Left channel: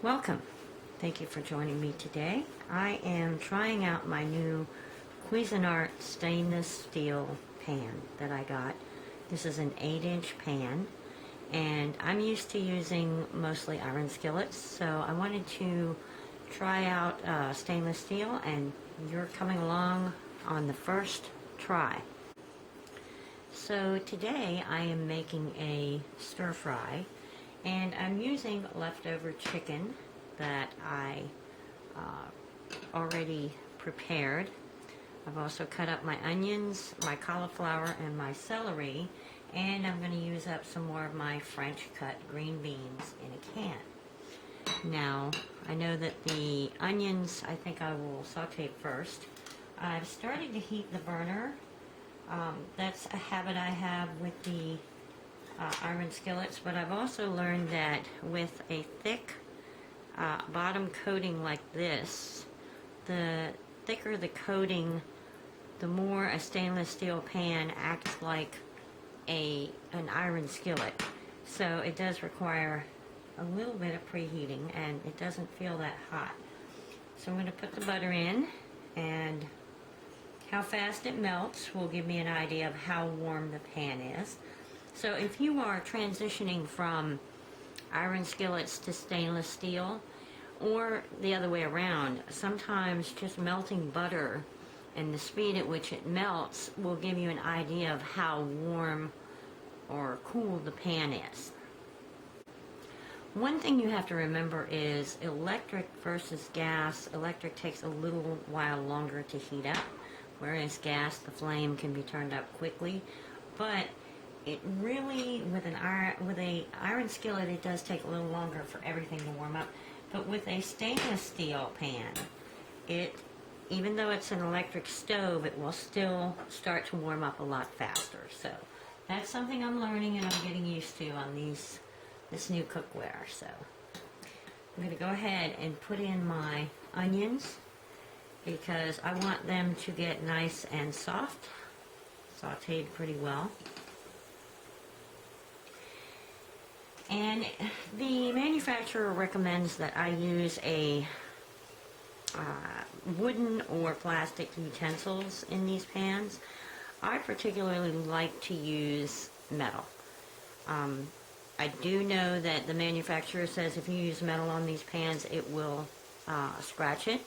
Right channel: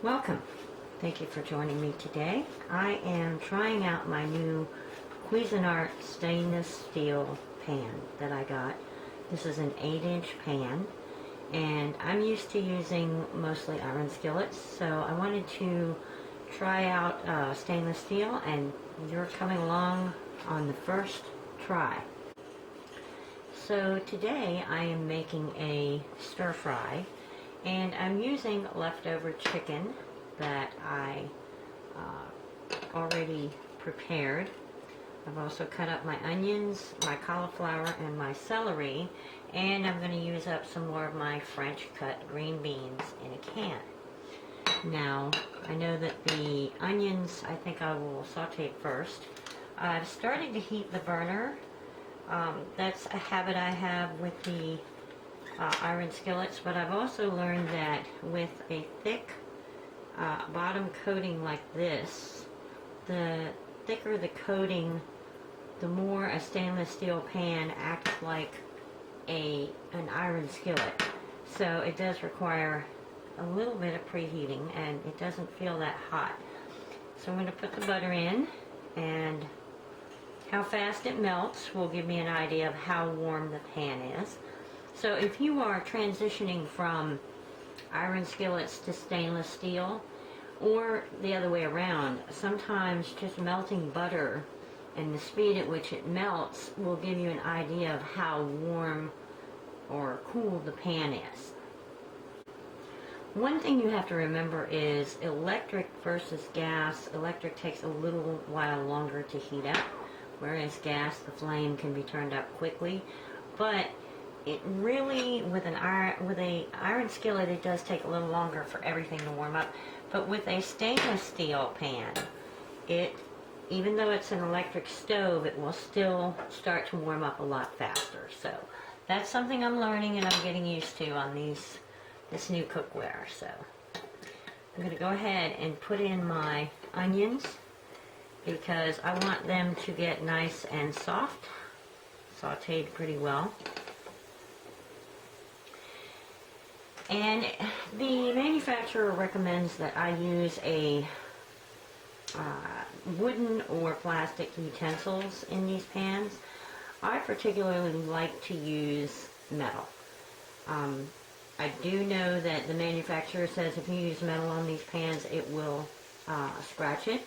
Welcome. Thank you for joining me today. I am trying out my new Cuisinart stainless steel pan that I got. This is an 8-inch pan, and I'm used to using mostly iron skillets, so I wanted to try out stainless steel, and you're coming along on the first try. So today I am making a stir fry, and I'm using leftover chicken that I already prepared. I've also cut up my onions, my cauliflower, and my celery, and I'm going to use up some more of my French cut green beans in a can. Now, I know that the onions, I think I will saute first. I've started to heat the burner. That's a habit I have with the iron skillets, but I've also learned that with a thick bottom coating like this, the thicker the coating, the more a stainless steel pan acts like an iron skillet. So it does require a little bit of preheating, and it doesn't feel that hot. So I'm going to put the butter in, and how fast it melts will give me an idea of how warm the pan is. So if you are transitioning from iron skillets to stainless steel, or the other way around, sometimes just melting butter and the speed at which it melts will give you an idea of how warm or cool the pan is. One thing you have to remember is electric versus gas. Electric takes a little while longer to heat up, whereas gas, the flame can be turned up quickly. But it really, with a iron skillet, it does take a little longer for everything to warm up. But with a stainless steel pan, even though it's an electric stove, it will still start to warm up a lot faster. So that's something I'm learning and I'm getting used to on this new cookware. So I'm going to go ahead and put in my onions because I want them to get nice and soft, sauteed pretty well. And the manufacturer recommends that I use a wooden or plastic utensils in these pans. I particularly like to use metal. I do know that the manufacturer says if you use metal on these pans, it will scratch it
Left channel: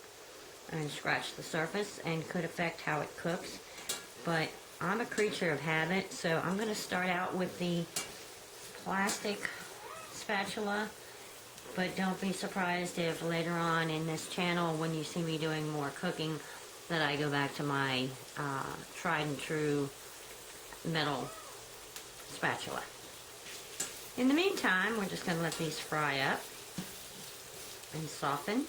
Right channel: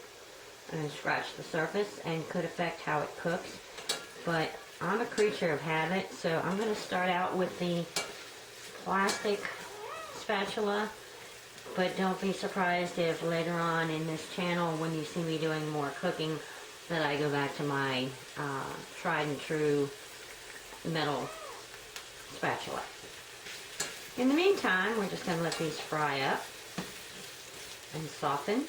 and scratch the surface and could affect how it cooks. But I'm a creature of habit, so I'm going to start out with the plastic spatula, but don't be surprised if later on in this channel, when you see me doing more cooking, that I go back to my tried and true metal spatula. In the meantime, we're just going to let these fry up and soften.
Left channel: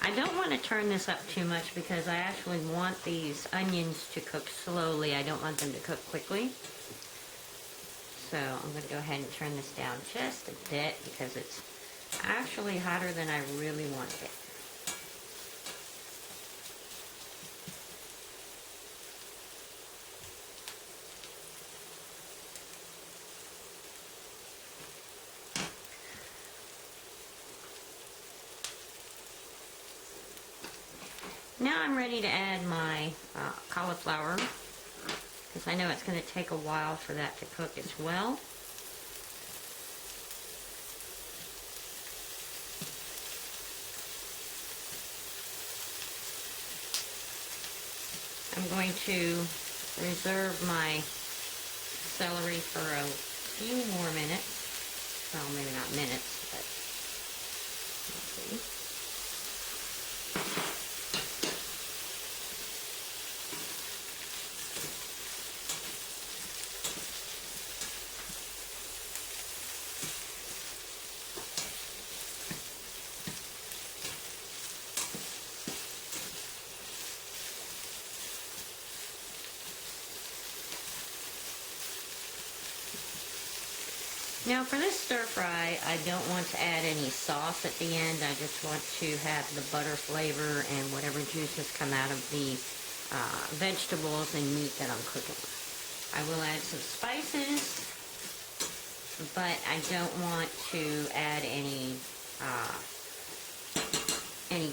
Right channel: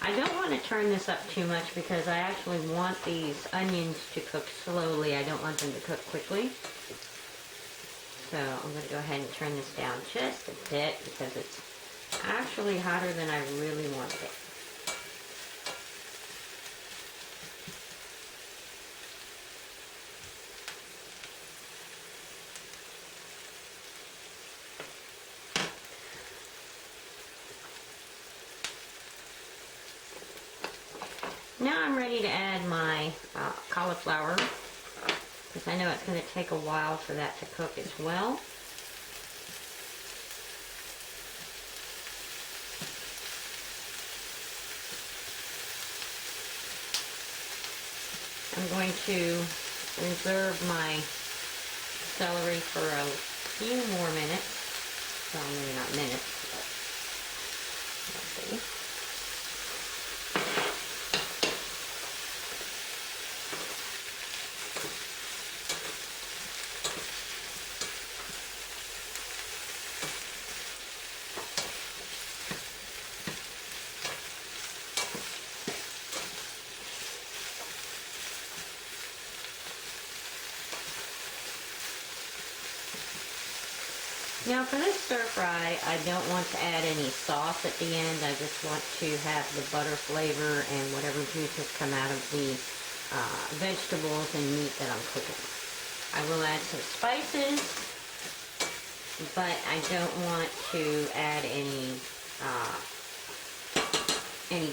I don't want to turn this up too much because I actually want these onions to cook slowly. I don't want them to cook quickly. So I'm going to go ahead and turn this down just a bit because it's actually hotter than I really wanted it. Now I'm ready to add my cauliflower, because I know it's going to take a while for that to cook as well. I'm going to reserve my celery for a few more minutes. Well, maybe not minutes, but let's see. Now for this stir fry, I don't want to add any sauce at the end. I just want to have the butter flavor and whatever juices come out of the vegetables and meat that I'm cooking. I will add some spices, but I don't want to add any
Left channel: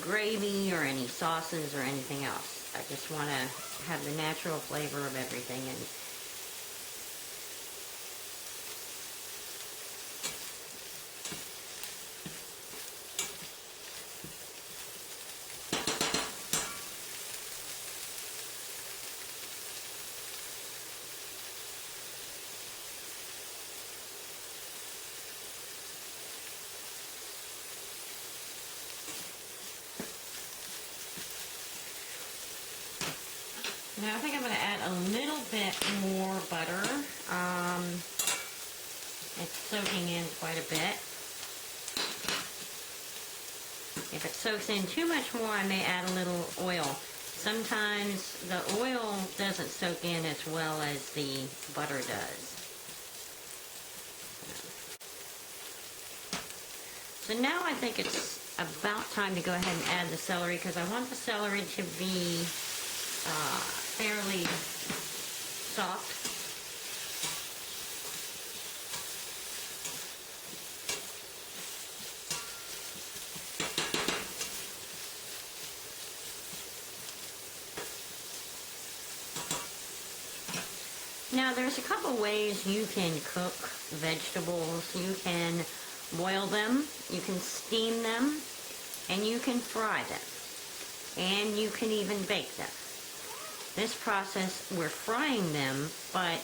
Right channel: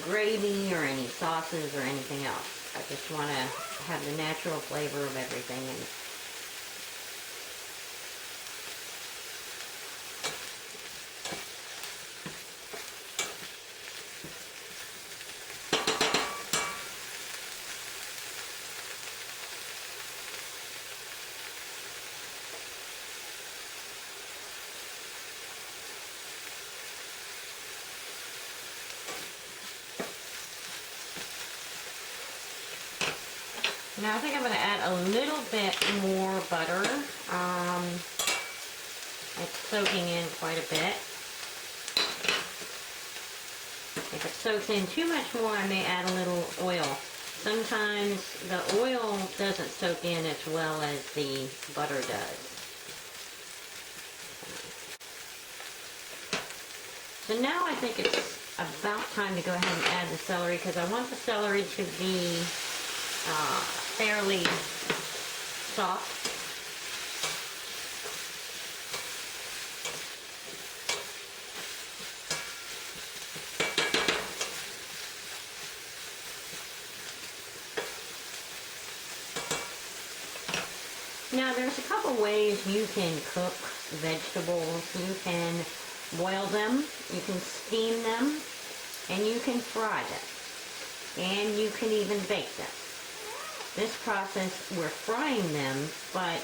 gravy or any sauces or anything else. I just want to have the natural flavor of everything. And now I think I'm going to add a little bit more butter. It's soaking in quite a bit. If it soaks in too much more, I may add a little oil. Sometimes the oil doesn't soak in as well as the butter does. So now I think it's about time to go ahead and add the celery, because I want the celery to be fairly soft. Now there's a couple ways you can cook vegetables. You can boil them, you can steam them, and you can fry them. And you can even bake them. This process, we're frying them, but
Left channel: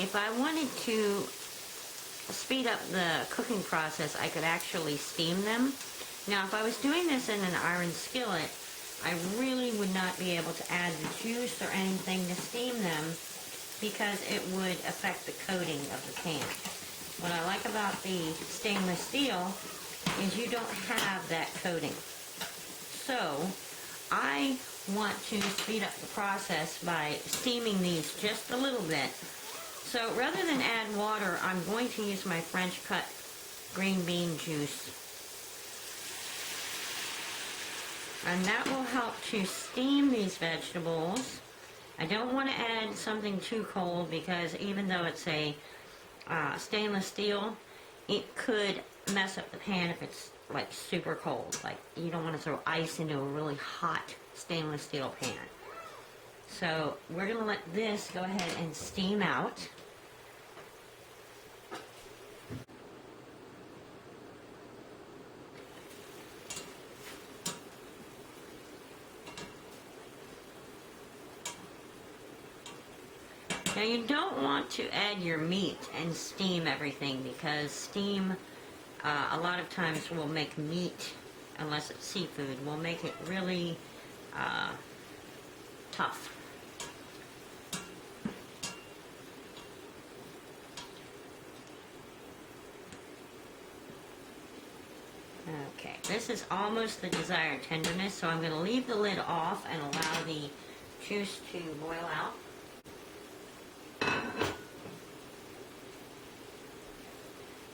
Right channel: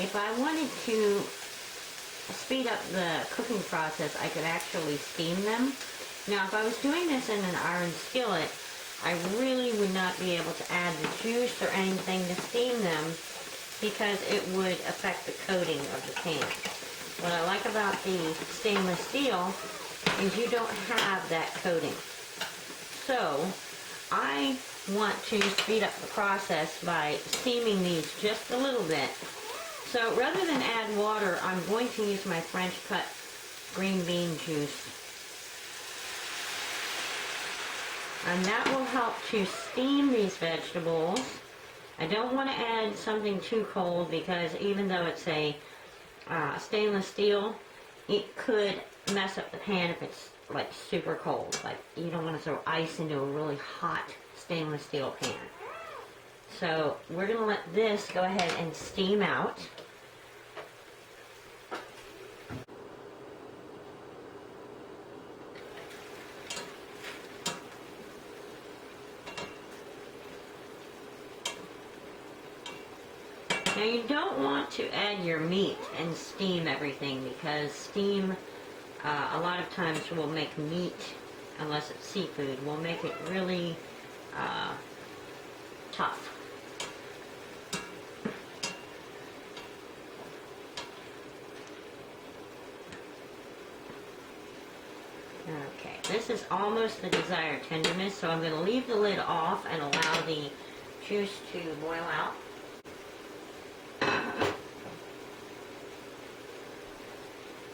if I wanted to speed up the cooking process, I could actually steam them. Now, if I was doing this in an iron skillet, I really would not be able to add the juice or anything to steam them, because it would affect the coating of the pan. What I like about the stainless steel is you don't have that coating. So, I want to speed up the process by steaming these just a little bit. So rather than add water, I'm going to use my French cut green bean juice. And that will help to steam these vegetables. I don't want to add something too cold, because even though it's a stainless steel, it could mess up the pan if it's like super cold. Like, you don't want to throw ice into a really hot stainless steel pan. So we're going to let this go ahead and steam out. Now you don't want to add your meat and steam everything, because steam a lot of times will make meat, unless it's seafood, will make it really tough. Okay, this is almost the desired tenderness, so I'm going to leave the lid off and allow the juice to boil out.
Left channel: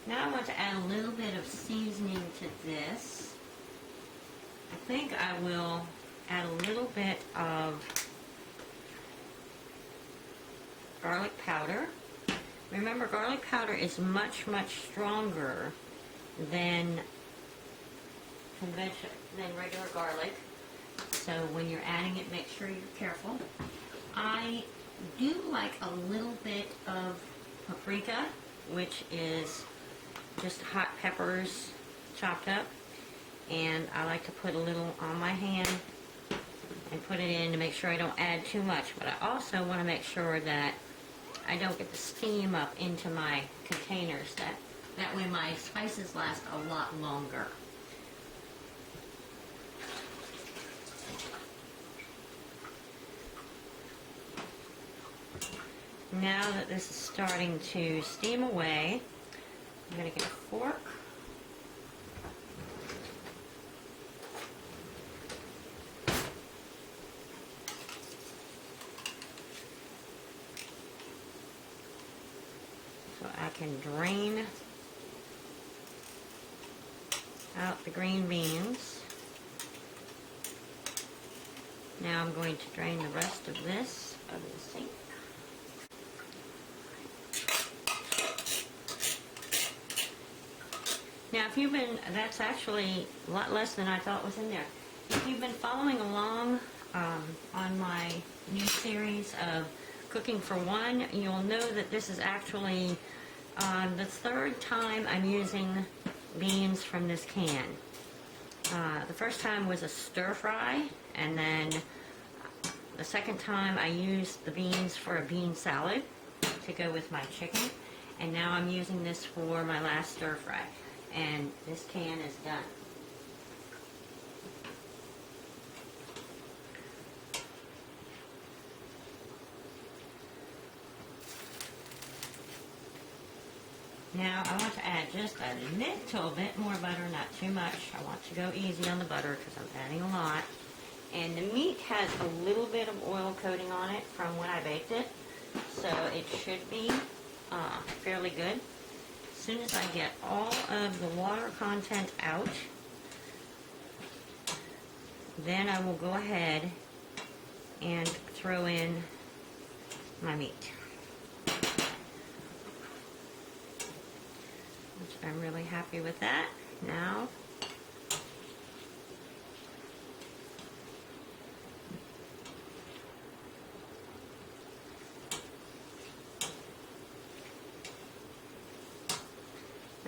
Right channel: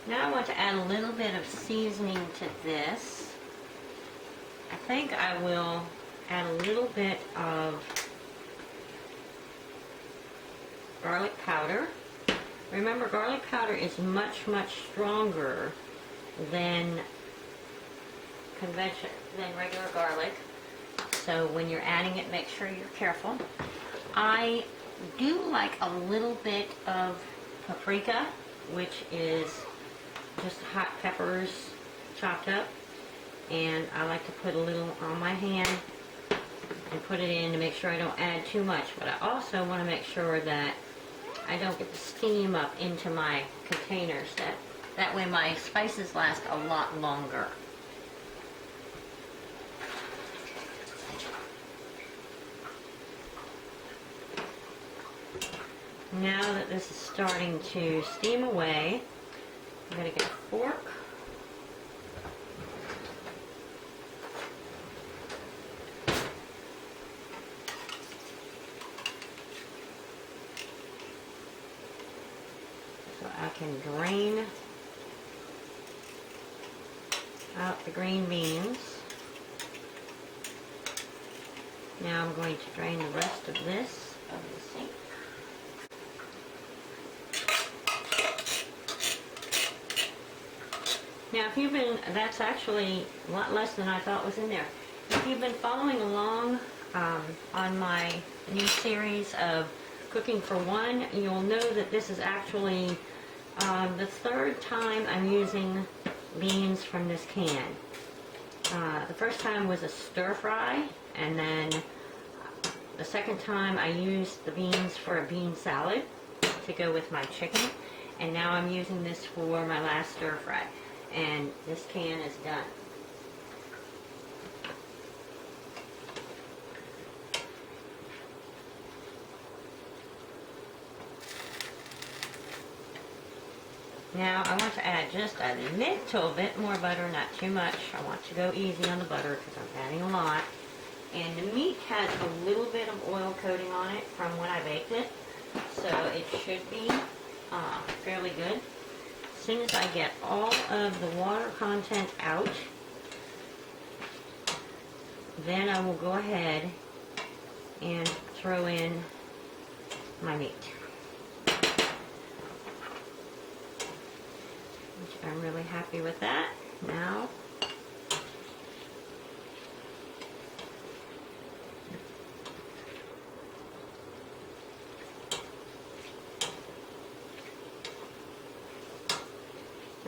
Now I want to add a little bit of seasoning to this. I think I will add a little bit of garlic powder. Remember, garlic powder is much, much stronger than regular garlic. So when you're adding it, make sure you're careful. I do like a little bit of paprika, which is just hot peppers chopped up, and I like to put a little on my hand and put it in to make sure I don't add too much, but I also want to make sure that I don't get the steam up into my containers. That way my spices last a lot longer. Now that this is starting to steam away, I'm going to get a fork. So I can drain out the green beans. Now I'm going to drain the rest of this over the sink. Now, if you've been, that's actually a lot less than I thought was in there. If you've been following along on my new series of Cooking for One, you'll know that this is actually the third time I'm using beans from this can. The first time was a stir fry, and then the second time I used the beans for a bean salad to go with my chicken, and now I'm using this for my last stir fry, and this can is done. Now I want to add just a little bit more butter, not too much. I want to go easy on the butter because I'm adding a lot. And the meat has a little bit of oil coating on it from when I baked it, so it should be fairly good. As soon as I get all of the water content out, then I will go ahead and throw in my meat, which I'm really happy with that. Now,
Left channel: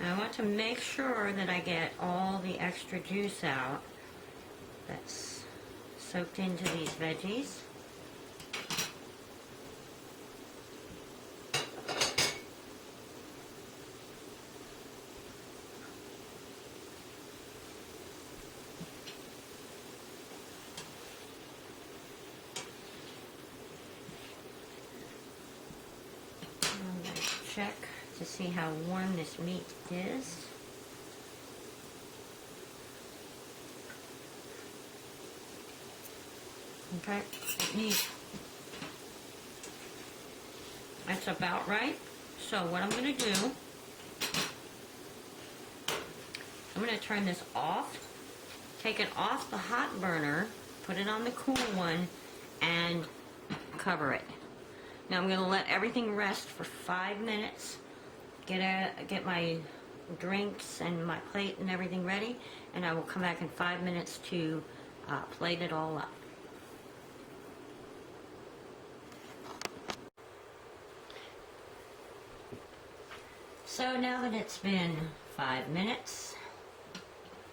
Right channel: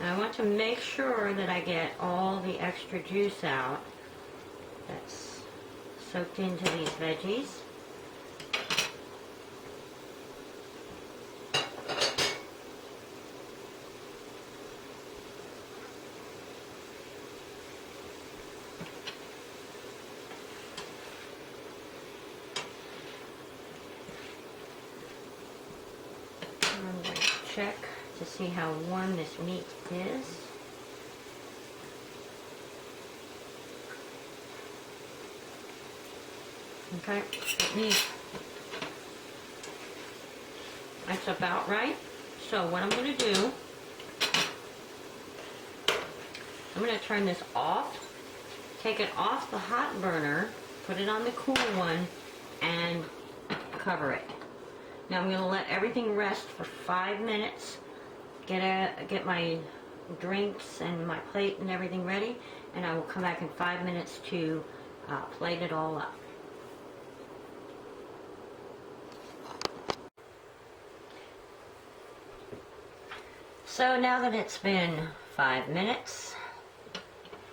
I want to make sure that I get all the extra juice out that's soaked into these veggies. I'm going to check to see how warm this meat is. Okay, that's about right. So what I'm going to do, I'm going to turn this off, take it off the hot burner, put it on the cool one, and cover it. Now I'm going to let everything rest for 5 minutes, get my drinks and my plate and everything ready, and I will come back in 5 minutes to plate it all up. So now that it's been 5 minutes,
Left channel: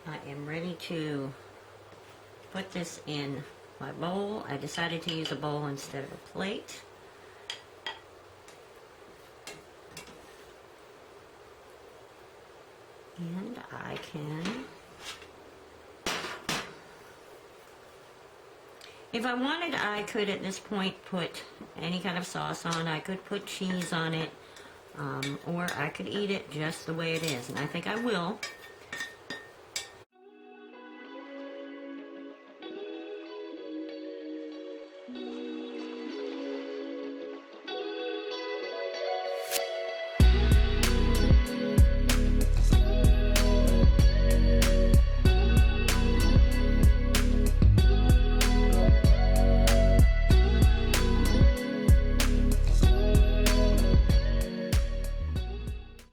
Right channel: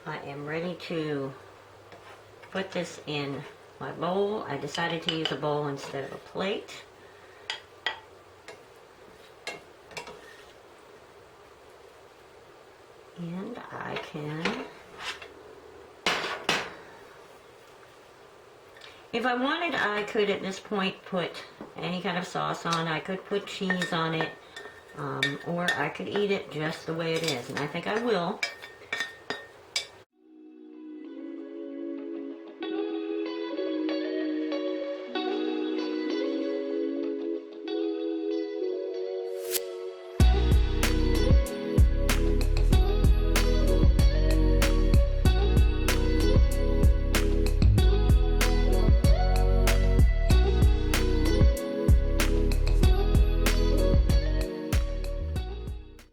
I am ready to put this in my bowl. I decided to use a bowl instead of a plate. And I can, if I wanted, I could at this point put any kind of sauce on. I could put cheese on it, or I could eat it just the way it is, and I think I will.